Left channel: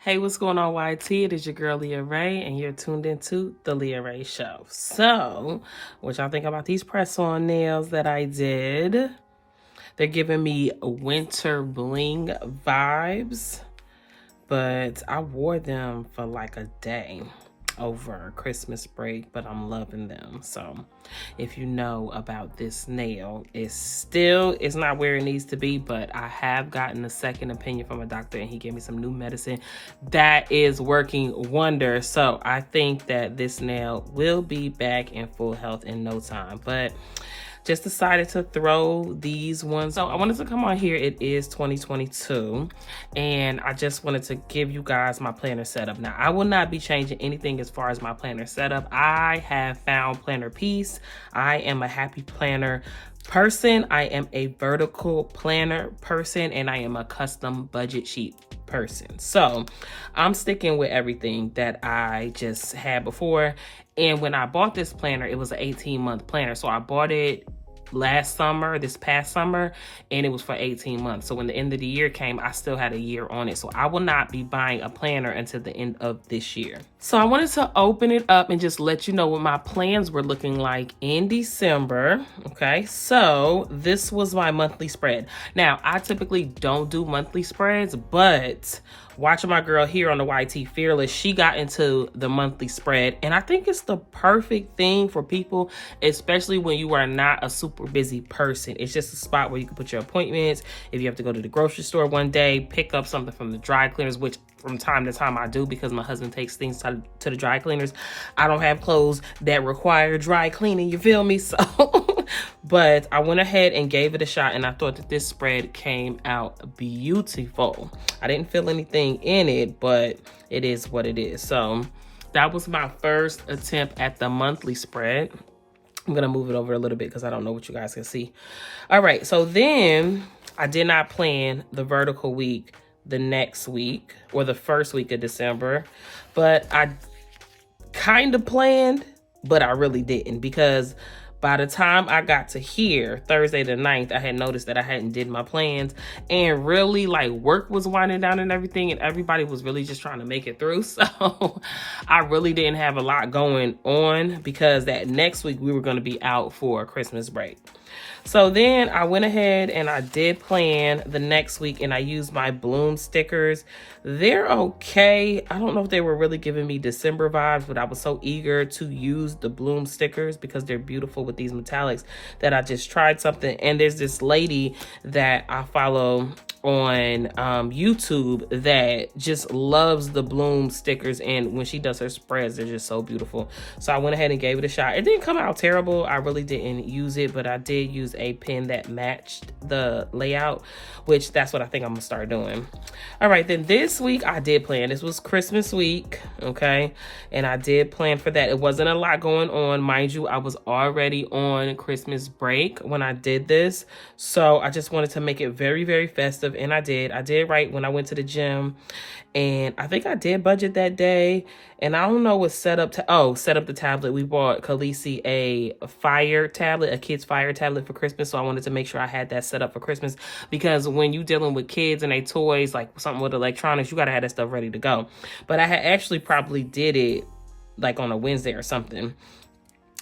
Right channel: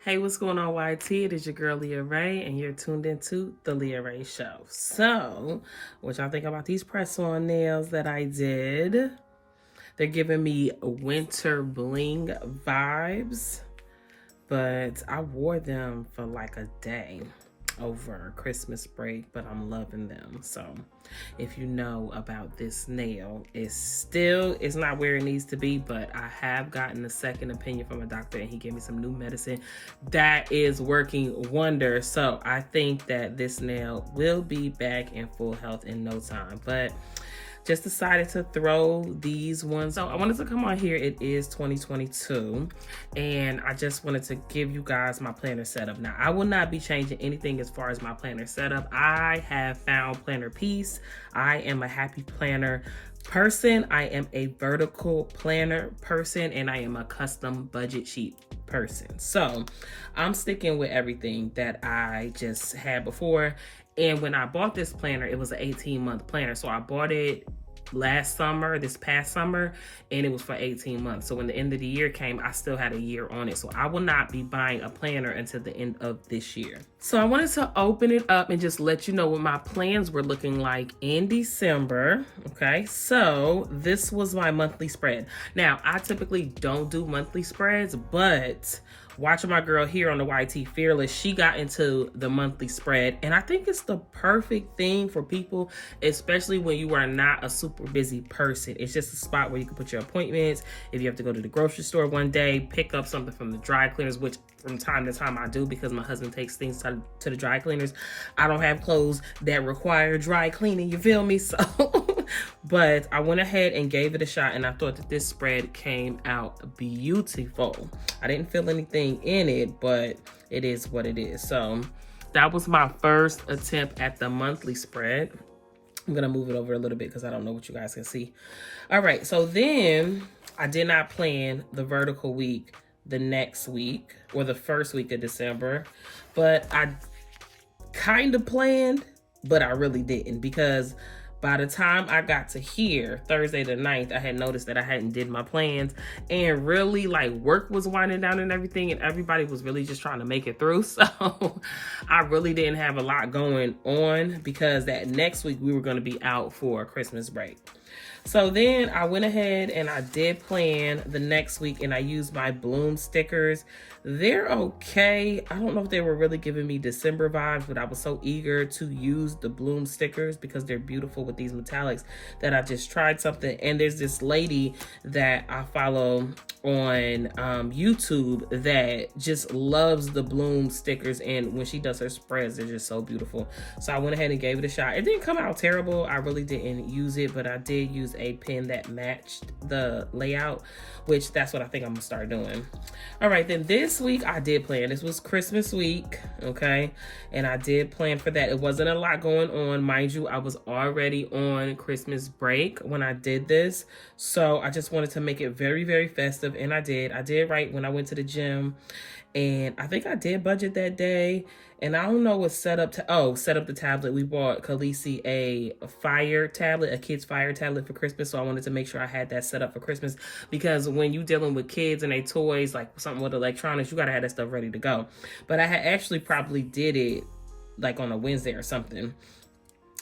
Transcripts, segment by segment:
Hey, what's going on, YT? It is your girl, Leah Ray, and you're tuned into The Leah Ray Show. So, what y'all think about these press-on nails that I did? They're giving me winter bling vibes, but I wore them for like a day over Christmas break, but I'm loving them. So if you know about this nail, it's not where it needs to be, but I have gotten a second opinion from a doctor and he gave me some new medicine that is working wonders. So I think that this nail will be back in full health in no time, but just decided to throw these ones. So I wanted to come on here. It is 2022 and I just wanted to give you guys my planner setup. Now I will not be changing anything as far as my planner setup. I have found planner peace. I am a happy planner person. I am a vertical planner person and I am a custom budget sheet person. So I'm sticking with everything that I just had before. And when I bought this planner, it was an 18-month planner. So I bought it this past summer, and it was for 18 months. So when the end of the year came, I still had a year on it. So I will not be buying a planner until the end of this year. So I wanted to open it up and just let you know what my plans were looking like in December. Okay, so this was my monthly spread. Now, I typically don't do monthly spreads, but watching my girl here on the YT Fearless, she got into the monthly spread. And I think it's the perfect thing for people, especially when you are not a super busy person. It's just a spot where you can put your appointments. If you have to go to the grocery store one day, pick up something from the dry cleaners, which from time to time I do because my husband takes things to the dry cleaners. I don't have clothes that require dry cleaning, you feel me? So, but I went ahead and gave it a shot and I thought that this spread came out beautiful. I didn't feel anything in it, but it is what it is. So that was my first attempt at the monthly spread. I'm gonna move it over a little bit because I don't know what you guys can see. All right, so then I did not plan the vertical week the next week or the first week of December, but I kind of planned, but I really didn't, because by the time I got to here, Thursday the 9th, I had noticed that I hadn't did my plans, and really like work was winding down and everything, and everybody was really just trying to make it through. So I really didn't have a lot going on because that next week we were going to be out for Christmas break. So then I went ahead and I did plan the next week and I used my bloom stickers. They're okay. I don't know if they were really giving me December vibes, but I was so eager to use the bloom stickers because they're beautiful with these metallics that I just tried something. And there's this lady that I follow on YouTube that just loves the bloom stickers, and when she does her spreads, they're just so beautiful. So I went ahead and gave it a shot. It didn't come out terrible. I really didn't use it, but I did use a pen that matched the layout, which that's what I think I'm gonna start doing. All right, then this week I did plan. This was Christmas week, okay, and I did plan for that. It wasn't a lot going on, mind you. I was already on Christmas break when I did this, so I just wanted to make it very, very festive. And I did right when I went to the gym, and I think I did budget that day. And I don't know what set up the tablet. We bought Khaleesi a fire tablet, a kid's fire tablet for Christmas. So I wanted to make sure I had that set up for Christmas, because when you dealing with kids and they toys, like something with electronics, you got to have that stuff ready to go. But I had actually probably did it like on a Wednesday or something.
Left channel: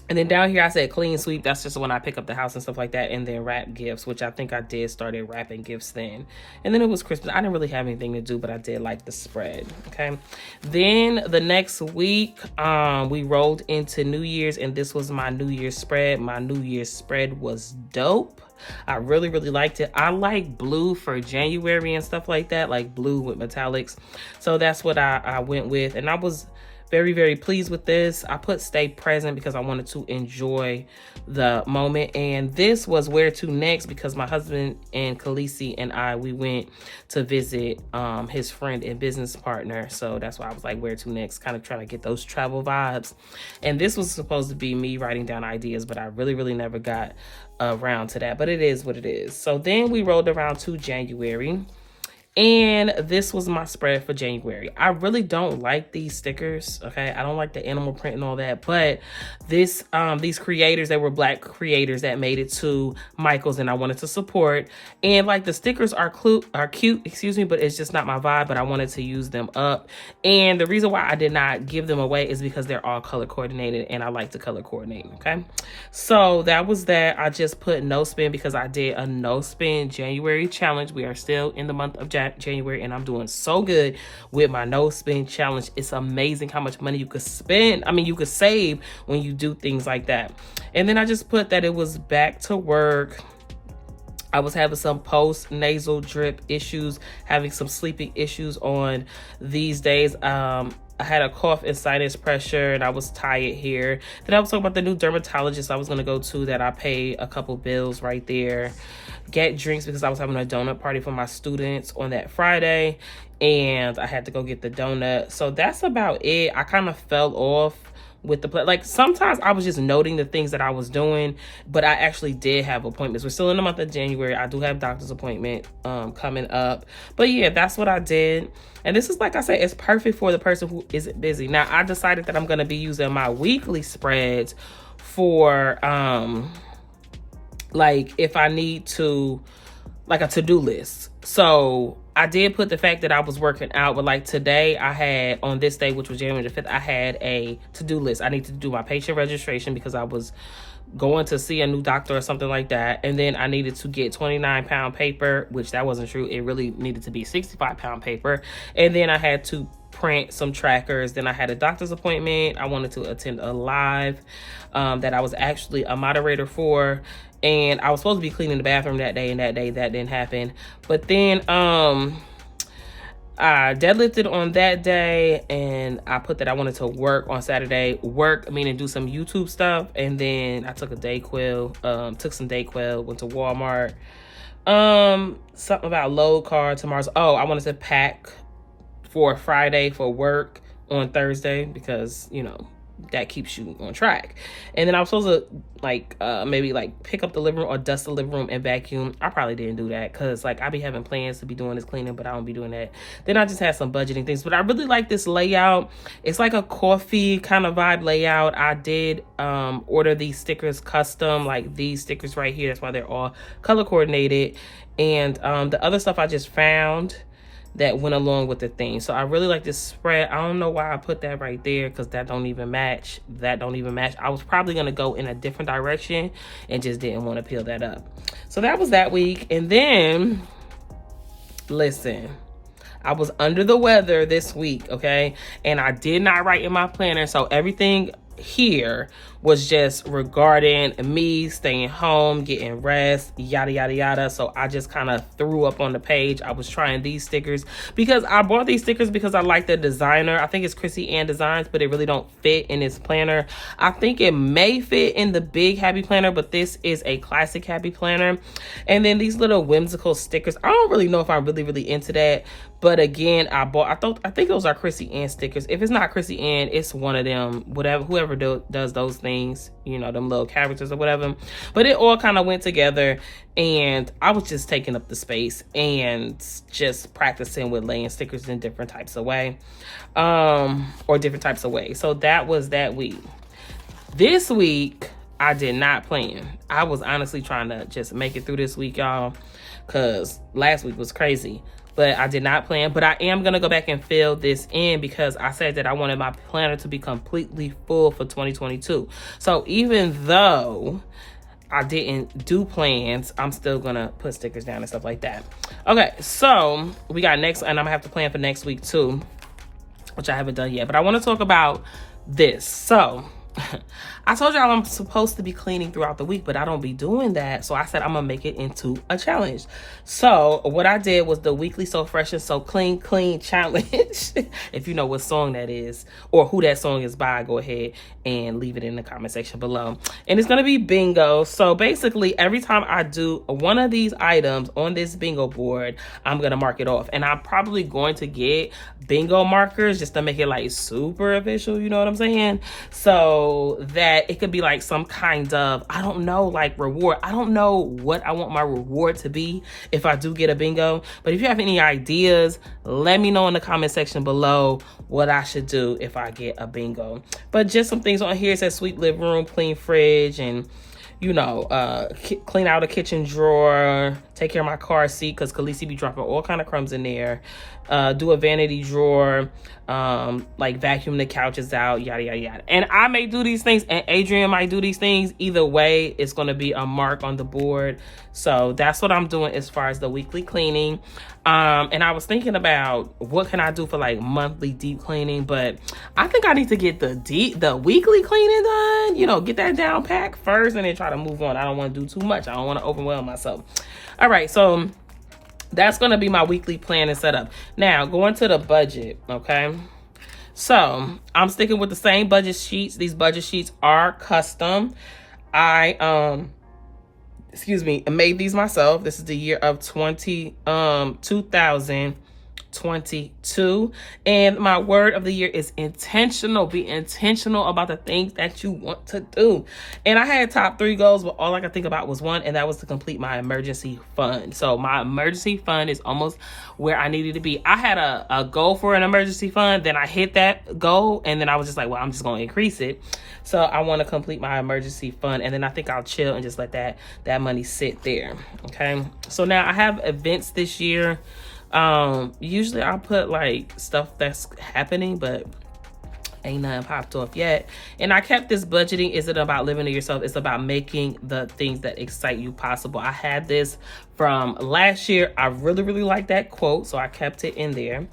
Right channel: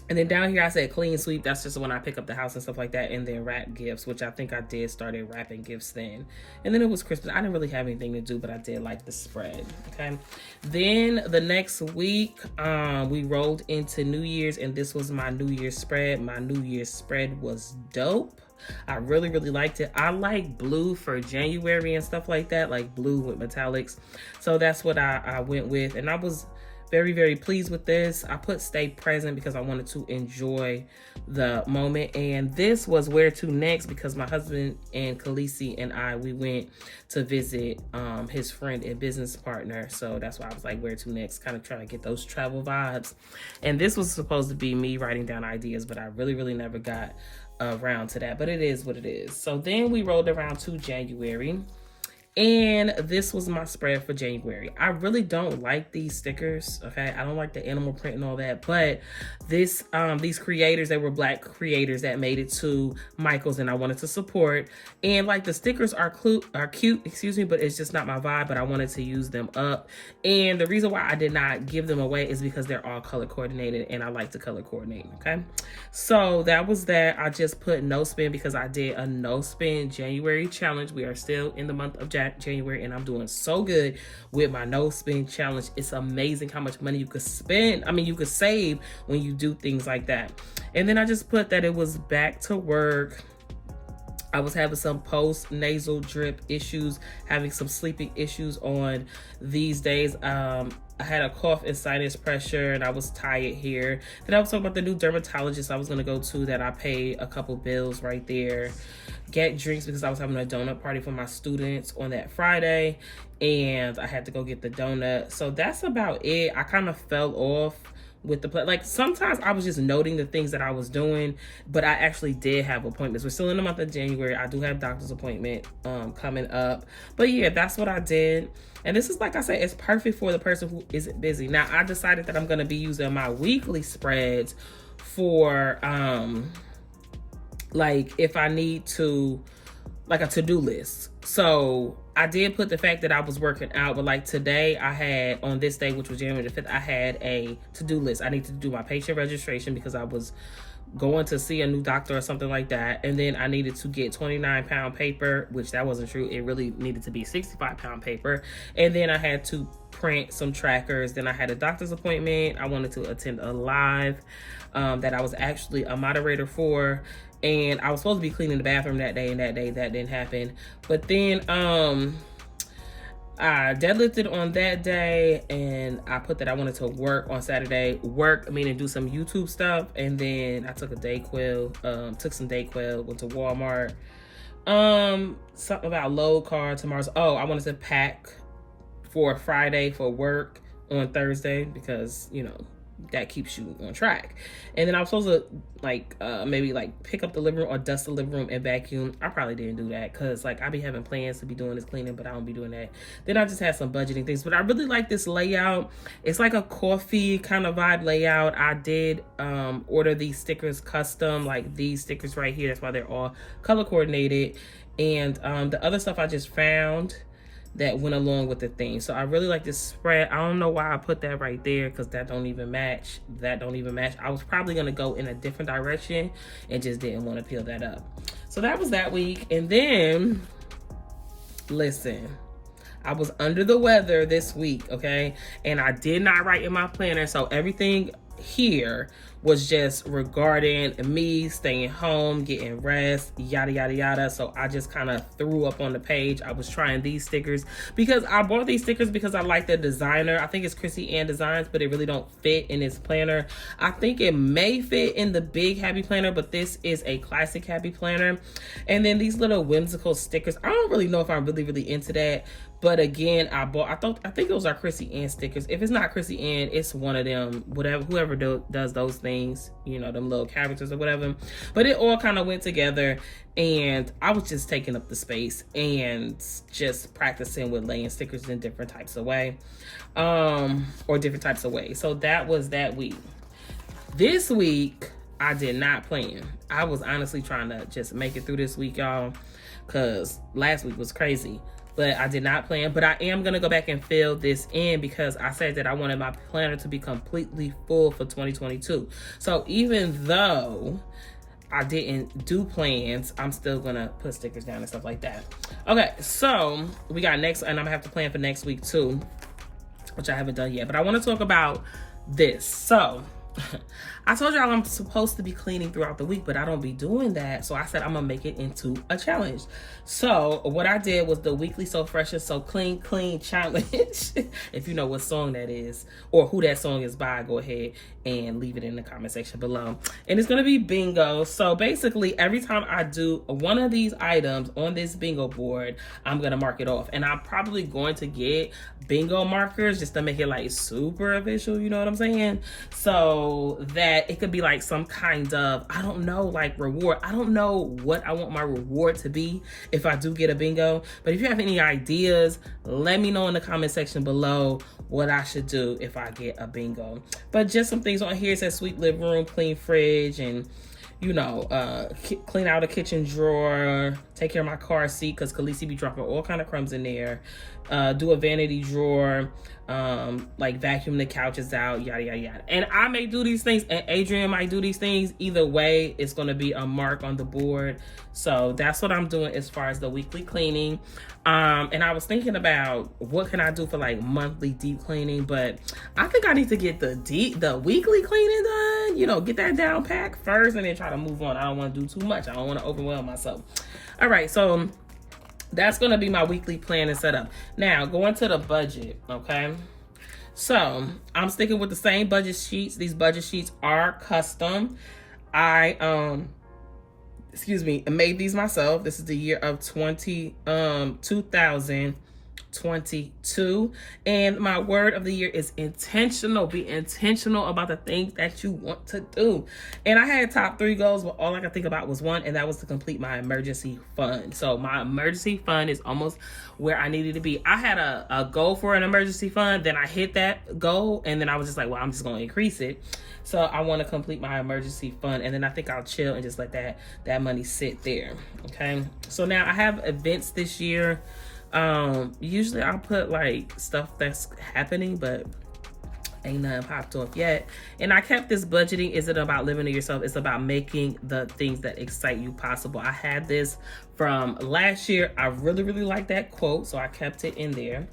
And then down here, I said clean sweep. That's just when I pick up the house and stuff like that. And then wrap gifts, which I think I did started wrapping gifts then. And then it was Christmas. I didn't really have anything to do, but I did like the spread, okay? Then the next week, we rolled into New Year's, and this was my New Year's spread. My New Year's spread was dope. I really, really liked it. I like blue for January and stuff like that, like blue with metallics. So that's what I went with. And I was very, very pleased with this. I put stay present because I wanted to enjoy the moment. And this was where to next, because my husband and Khaleesi and we went to visit his friend and business partner. So that's why I was like, where to next, kind of trying to get those travel vibes. And this was supposed to be me writing down ideas, but I really, really never got around to that. But it is what it is. So then we rolled around to January. And this was my spread for January. I really don't like these stickers, okay? I don't like the animal print and all that, but these creators, they were Black creators that made it to Michael's, and I wanted to support. And like the stickers are cute, excuse me, but it's just not my vibe, but I wanted to use them up. And the reason why I did not give them away is because they're all color coordinated, and I like to color coordinate, okay? So that was that. I just put no spin because I did a no spin January challenge. We are still in the month of January, and I'm doing so good with my no spin challenge. It's amazing how much money you could spend. I mean, you could save when you do things like that. And then I just put that it was back to work. I was having some post-nasal drip issues, having some sleeping issues on these days. I had a cough and sinus pressure, and I was tired here. Then I was talking about the new dermatologist I was going to go to that I paid a couple bills right there. Get drinks because I was having a donut party for my students on that Friday, and I had to go get the donut. So that's about it. I kind of fell off with the like sometimes I was just noting the things that I was doing, but I actually did have appointments. We're still in the month of January. I do have doctor's appointment coming up, but yeah, that's what I did. And this is, like I said, it's perfect for the person who isn't busy. Now I decided that I'm going to be using my weekly spreads for like if I need to, like a to-do list. So I did put the fact that I was working out, but like today I had, on this day, which was January the 5th, I had a to-do list. I need to do my patient registration because I was going to see a new doctor or something like that. And then I needed to get 29-pound paper, which that wasn't true. It really needed to be 65-pound paper. And then I had to print some trackers. Then I had a doctor's appointment. I wanted to attend a live that I was actually a moderator for. And I was supposed to be cleaning the bathroom that day, and that didn't happen. But then I deadlifted on that day, and I put that I wanted to work on Saturday. Work, meaning do some YouTube stuff. And then I took a Dayquil, took some Dayquil, went to Walmart. Something about load card tomorrow's. Oh, I wanted to pack for Friday for work on Thursday because, you know, that keeps you on track. And then I was supposed to like maybe like pick up the living room or dust the living room and vacuum. I probably didn't do that because like I be having plans to be doing this cleaning, but I don't be doing that. Then I just had some budgeting things, but I really like this layout. It's like a coffee kind of vibe layout. I did order these stickers custom, like these stickers right here. That's why they're all color coordinated. And the other stuff I just found that went along with the thing. So I really like this spread. I don't know why I put that right there because that don't even match. I was probably gonna go in a different direction and just didn't want to peel that up. So that was that week. And then, listen, I was under the weather this week, okay? And I did not write in my planner. So everything here was just regarding me staying home, getting rest, yada yada yada. So I just kind of threw up on the page. I was trying these stickers because I bought these stickers because I like the designer. I think it's Chrissy Ann Designs, but it really don't fit in this planner. I think it may fit in the big happy planner, but this is a classic happy planner. And then these little whimsical stickers, I don't really know if I'm really into that. But again, I think those are Chrissy Ann stickers. If it's not Chrissy Ann, it's one of them, whoever does those things, you know, them little characters or whatever. But it all kind of went together, and I was just taking up the space and just practicing with laying stickers in different types of way, or different types of ways. So that was that week. This week, I did not plan. I was honestly trying to just make it through this week, y'all, because last week was crazy. But I did not plan. But I am going to go back and fill this in because I said that I wanted my planner to be completely full for 2022. So even though I didn't do plans, I'm still going to put stickers down and stuff like that. Okay, so we got next, and I'm going to have to plan for next week too, which I haven't done yet. But I want to talk about this. So I told y'all I'm supposed to be cleaning throughout the week, but I don't be doing that. So I said I'm gonna make it into a challenge. So what I did was the weekly So Fresh and So Clean challenge. If you know what song that is or who that song is by, go ahead and leave it in the comment section below. And it's gonna be bingo. So basically every time I do one of these items on this bingo board, I'm gonna mark it off. And I'm probably going to get bingo markers just to make it like super official, you know what I'm saying? So so that it could be like some kind of, I don't know, like reward. I don't know what I want my reward to be if I do get a bingo. But if you have any ideas, let me know in the comment section below what I should do if I get a bingo. But just some things on here. It says sweep living room, clean fridge, and you know, clean out a kitchen drawer, take care of my car seat because Khaleesi be dropping all kind of crumbs in there, do a vanity drawer, like vacuum the couches out, yada yada yada. And I may do these things and Adrian might do these things. Either way, it's going to be a mark on the board. So that's what I'm doing as far as the weekly cleaning. And I was thinking about what can I do for like monthly deep cleaning, but I think I need to get the weekly cleaning done, you know, get that down pack first and then try to move on. I don't want to do too much. I don't want to overwhelm myself. All right, so that's going to be my weekly plan and setup. Now, going to the budget, okay? So, I'm sticking with the same budget sheets. These budget sheets are custom. I made these myself. This is the year of 2022. And my word of the year is intentional. Be intentional about the things that you want to do. And I had top 3 goals, but all I could think about was one, and that was to complete my emergency fund. So my emergency fund is almost where I needed to be. I had a goal for an emergency fund, then I hit that goal, and then I was just like, well, I'm just going to increase it. So I want to complete my emergency fund, and then I think I'll chill and just let that money sit there. Okay. So now I have events this year. Usually I'll put like stuff that's happening, but ain't nothing popped off yet. And I kept this budgeting isn't about living to yourself. It's about making the things that excite you possible. I had this from last year. I really, really like that quote, so I kept it in there.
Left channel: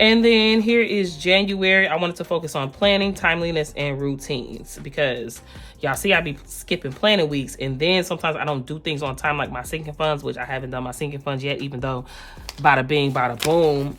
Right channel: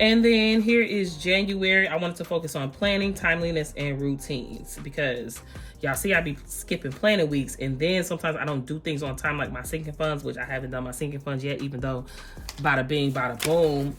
And then here is January. I wanted to focus on planning, timeliness, and routines because y'all see I be skipping planning weeks, and then sometimes I don't do things on time, like my sinking funds, which I haven't done my sinking funds yet, even though bada bing, bada boom,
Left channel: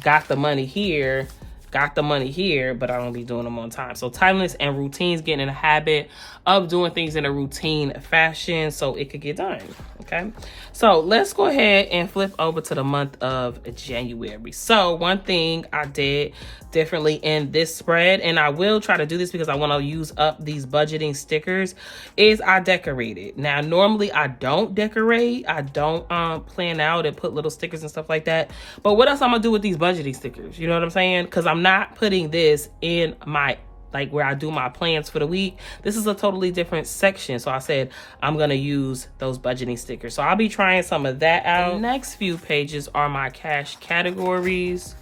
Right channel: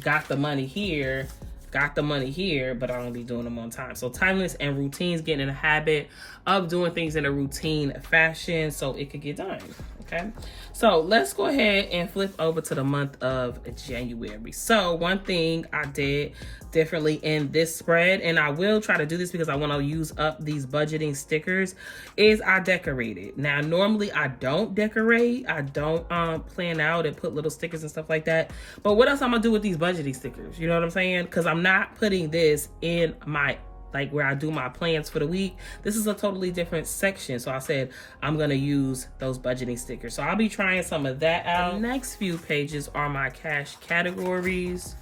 got the money here, but I don't be doing them on time. So timeless and routines, getting in a habit of doing things in a routine fashion so it could get done. Okay, so let's go ahead and flip over to the month of January. So one thing I did differently in this spread, and I will try to do this because I want to use up these budgeting stickers, is I decorated. Now normally I don't decorate, I don't plan out and put little stickers and stuff like that, but what else I'm gonna do with these budgeting stickers? You know what I'm saying? Because I'm not putting this in my like where I do my plans for the week. This is a totally different section. So I said I'm gonna use those budgeting stickers. So I'll be trying some of that out. The next few pages are my cash categories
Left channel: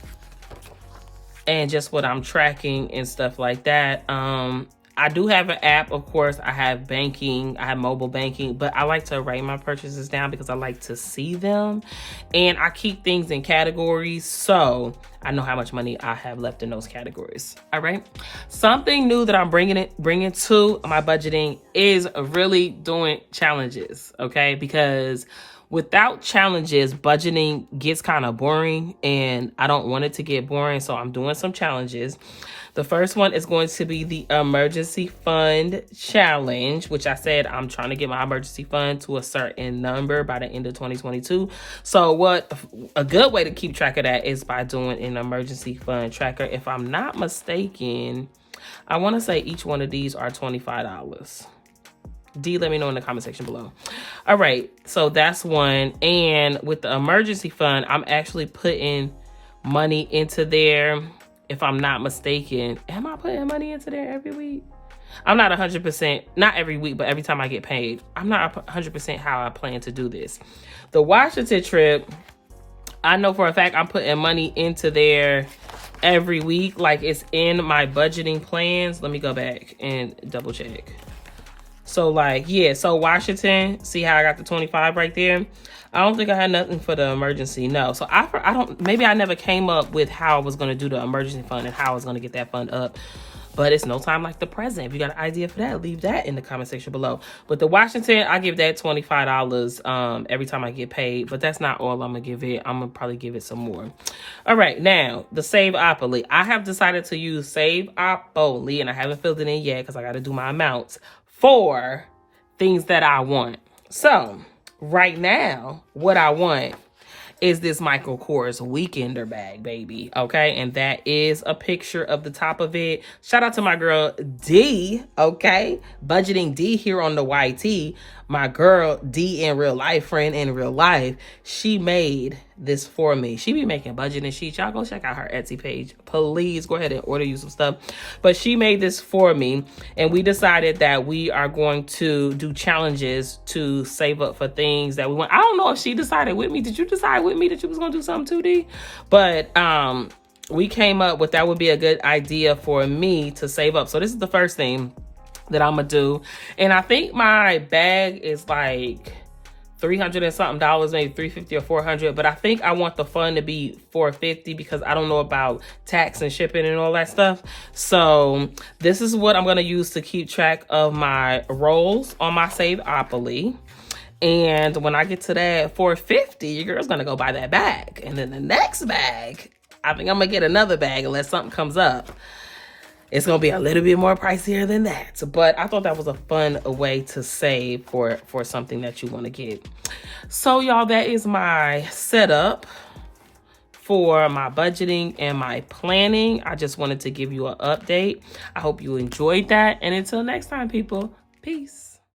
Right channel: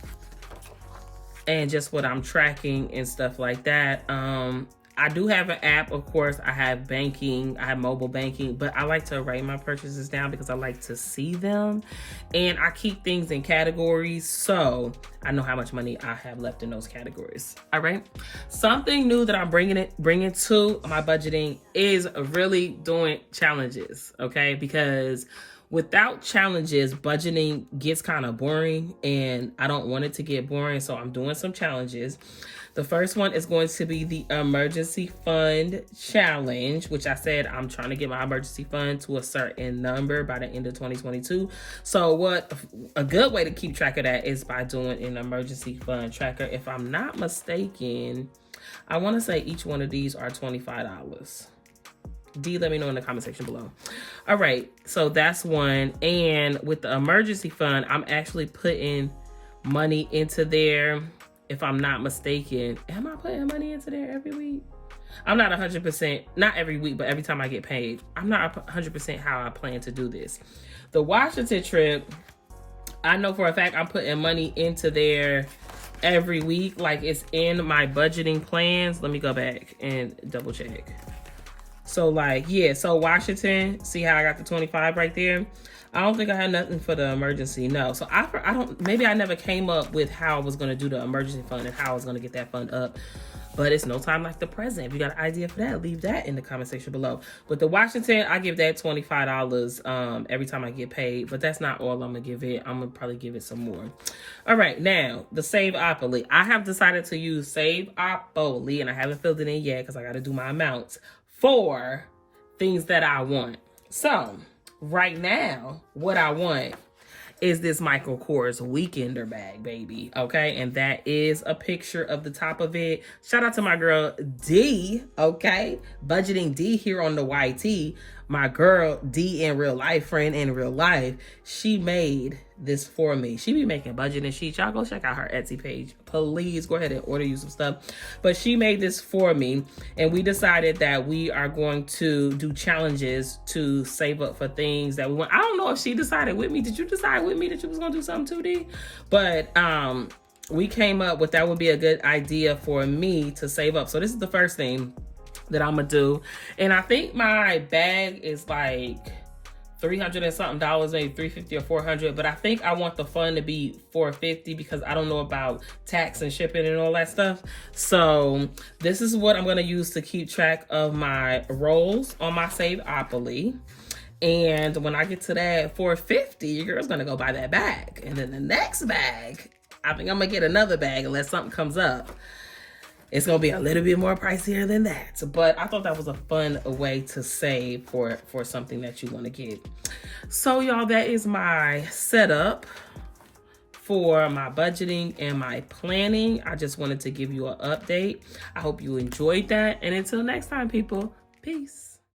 and just what I'm tracking and stuff like that. I do have an app, of course. I have banking, I have mobile banking, but I like to write my purchases down because I like to see them. And I keep things in categories, so I know how much money I have left in those categories. All right. Something new that I'm bringing to my budgeting is really doing challenges, okay? Because without challenges, budgeting gets kind of boring, and I don't want it to get boring, so I'm doing some challenges. The first one is going to be the emergency fund challenge, which I said I'm trying to get my emergency fund to a certain number by the end of 2022. So what a good way to keep track of that is by doing an emergency fund tracker. If I'm not mistaken, I want to say each one of these are $25. D, let me know in the comment section below. All right, so that's one. And with the emergency fund, I'm actually putting money into there. If I'm not mistaken, am I putting money into there every week? I'm not 100%, not every week, but every time I get paid. I'm not 100% how I plan to do this. The Washington trip, I know for a fact I'm putting money into there every week. Like it's in my budgeting plans. Let me go back and double check. So like, yeah, so Washington, see how I got the 25 right there? I don't think I had nothing for the emergency, no. So I don't, maybe I never came up with how I was gonna do the emergency fund and how I was gonna get that fund up. But it's no time like the present. If you got an idea for that, leave that in the comment section below. But the Washington, I give that $25 every time I get paid. But that's not all I'm gonna give it. I'm gonna probably give it some more. All right, now the Save-Opoly. I have decided to use Save-Opoly, and I haven't filled it in yet because I gotta do my amounts for things that I want. So right now, what I want is this Michael Kors Weekender bag, baby. Okay, and that is a picture of the top of it. Shout out to my girl D, okay? Budgeting D here on the YT. My girl D in real life, friend in real life, she made this for me. She be making budgeting sheets. Y'all go check out her Etsy page. Please go ahead and order you some stuff. But she made this for me, and we decided that we are going to do challenges to save up for things that we want. I don't know if she decided with me. Did you decide with me that you was gonna do something 2D? But we came up with that would be a good idea for me to save up. So this is the first thing that I'm gonna do, and I think my bag is like $300 and something, maybe $350 or $400, but I think I want the fund to be $450 because I don't know about tax and shipping and all that stuff. So this is what I'm gonna use to keep track of my rolls on my Saveopoly. And when I get to that $450, your girl's gonna go buy that bag. And then the next bag, I think I'm gonna get another bag unless something comes up. It's gonna be a little bit more pricier than that. But I thought that was a fun way to save for something that you wanna get. So y'all, that is my setup for my budgeting and my planning. I just wanted to give you an update. I hope you enjoyed that. And until next time, people, peace.